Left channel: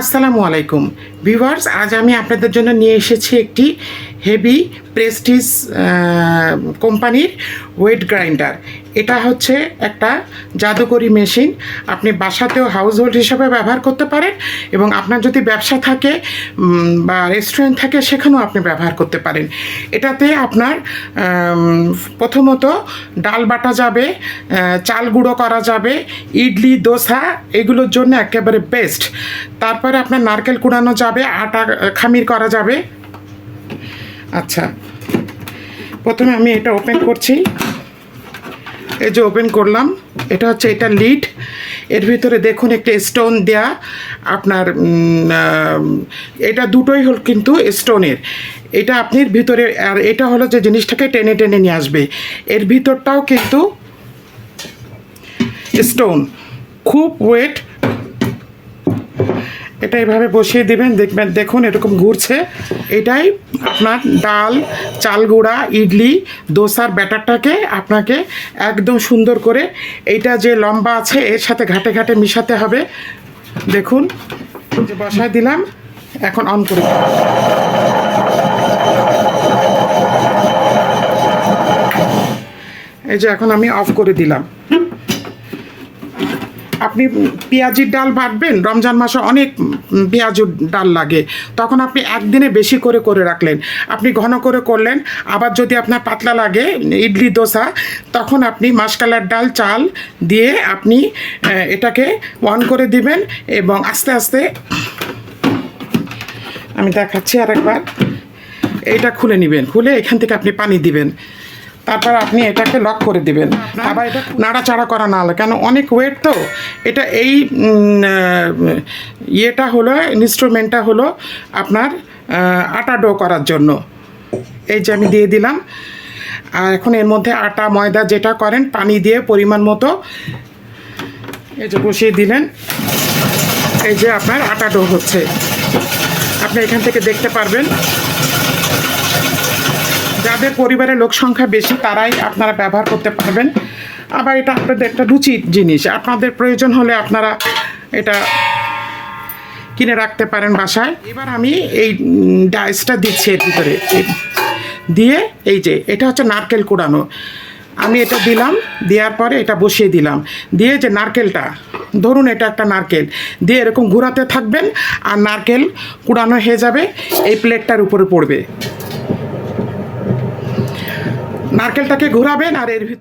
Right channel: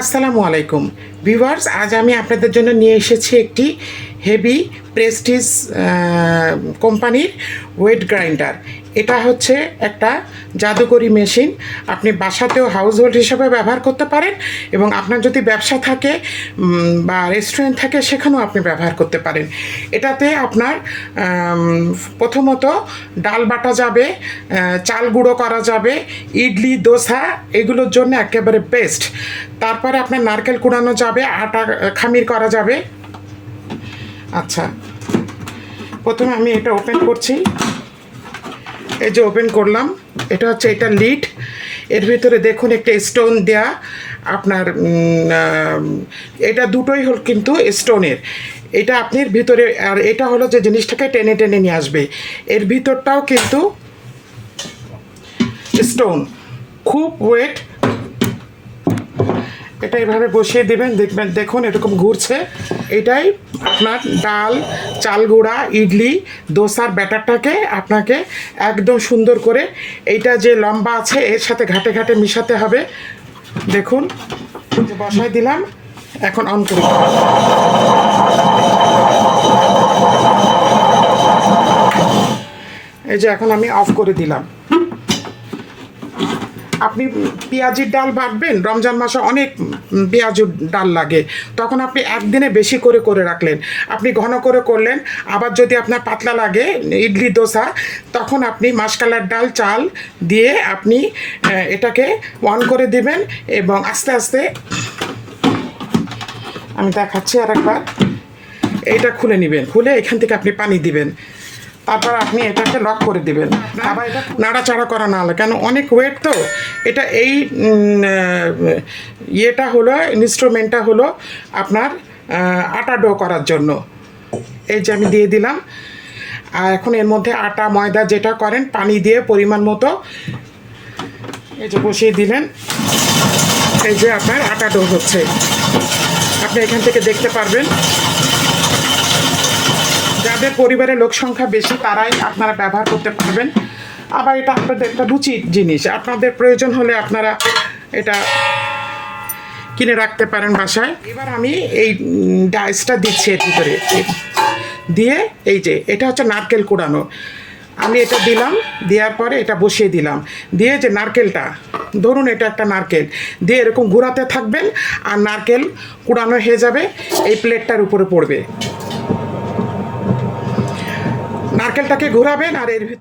আসসালামু আলাইকুম। ভিভার্স আজ আমি আপনাদের জন্য নিয়ে এসেছি একটি হেভি প্রেস্টিজ কোম্পানির ওয়েট গ্রাইন্ডার। এটা হচ্ছে একটা জাদুকরি মেশিন। আপনি বাসাতেও হাউস হোল্ড হিসাবে ব্যবহার করতে পারেন এবং আপনার যদি ব্যবসা থাকে বা রেস্টুরেন্ট থাকে, সেখানেও আপনি ব্যবহার করতে পারেন। এটাতে আপনার প্রথমত ডাল বাটা যাবে চাল গুঁড়ো করা যাবে, ইডলি, দোসা, এগুলোর জন্য একেবারে বেস্ট তারপরে আপনার নারকেল কুড়ানো যাবে, আটা, খামির করা যাবে আচ্ছা। প্রথমে আমি এটা ওপেন করছি। এই যে ওপেন করলাম, এটা হচ্ছে এটা লিড এর ভিতরে দেখুন একটা স্টোন দেয়া। আপনার এটা দুটোই হল কিন্তু স্টোনের এটা আপনি ভিতরে, আর এটা হলো যে জিনিসটাকে টেনে টেনে নিয়ে আসবে। এর ভিতরটাও কিন্তু স্টোন খুব ওয়েট এটা এভাবে বসিয়ে দেবেন, দেখবেন, দেখুন এরকম ঘুরছে। এটাই আপনার ডাল, চাল গুঁড়া, ইডলি, দোসার ব্যাটারটাকে আপনাকে একদম সুন্দর করে এইটা যে লম্বা আছে, এর সাথে ঘাটে ঘাটে মিশাতে হবে। দেখুন যে বসায় দিলাম, এখন অন করে এই যে এখন আমি অফ করে দিলাম। আপনি পেঁয়াজির ডাল বাটবেন, রমজান মাসে অনেক পেঁয়াজুর ডাল লাগে। তখন আপনি একদিনে বেশি করে করে রাখলেন। আপনি ঘন করে করলেন, আবার যদি আপনার পাতলা লাগে, ইডলি, দোসা, তখন আপনি মাসকালার ডাল, চাল দিয়ে আপনি এটাকে অন করে দিবেন এবং আস্তে আস্তে আমি দেখাচ্ছি আর একবার এইটা খুলে নেবেন। খুলে এখান থেকে আপনি পানি দিবেন। তারপর আপনি এটাকে লক করে দেবেন। আবার এটা নাড়াচাড়া করা না হলে কেন অনেক ওয়েট তো। এটা এই ইয়েটা হলো ইনস্ট্রুমেন্টটা হলো আপনার আটা ডো করার জন্য। এই যে আমি দিয়ে দিলাম। আর এখন এর মধ্যে আটা ময়দা যেটা করেন পানি দিয়ে পরিমাণ মতো এই যে বসিয়ে দিলেন। এই যে আপনার আটা ডো হচ্ছে। আপনি এখান থেকে দেখতে পারবেন। যাদের পরিবারের লোক সংখ্যা বেশি, তারাই আপনারা ব্যবহার করতে পারবেন। আবার এটা আপনাদের একটা রুচির জিনিস। আপনাদের প্রয়োজন হলে আপনারা এটা কিনে রাখতে পারেন বাসায়। এবার আমি এই ডাইসটা দিচ্ছি এর ভিতরে। দিয়ে এই যে, এটা হচ্ছে নারকেল কুড়ানো। আমি এটা দিলাম, দেওয়ার পরে এটা বসিয়ে দিলাম। দিয়ে যে নারকেলটা, ধরুন এটা একটা নারকেল। দিয়ে এরকম ঘোরাতে থাকবেন আর নারকেল কুড়ানো হয়ে যাবে, এই প্লেটটার উপরে পড়বে। নারকেলটাকে ঘোরাবেন আর এর ভিতরে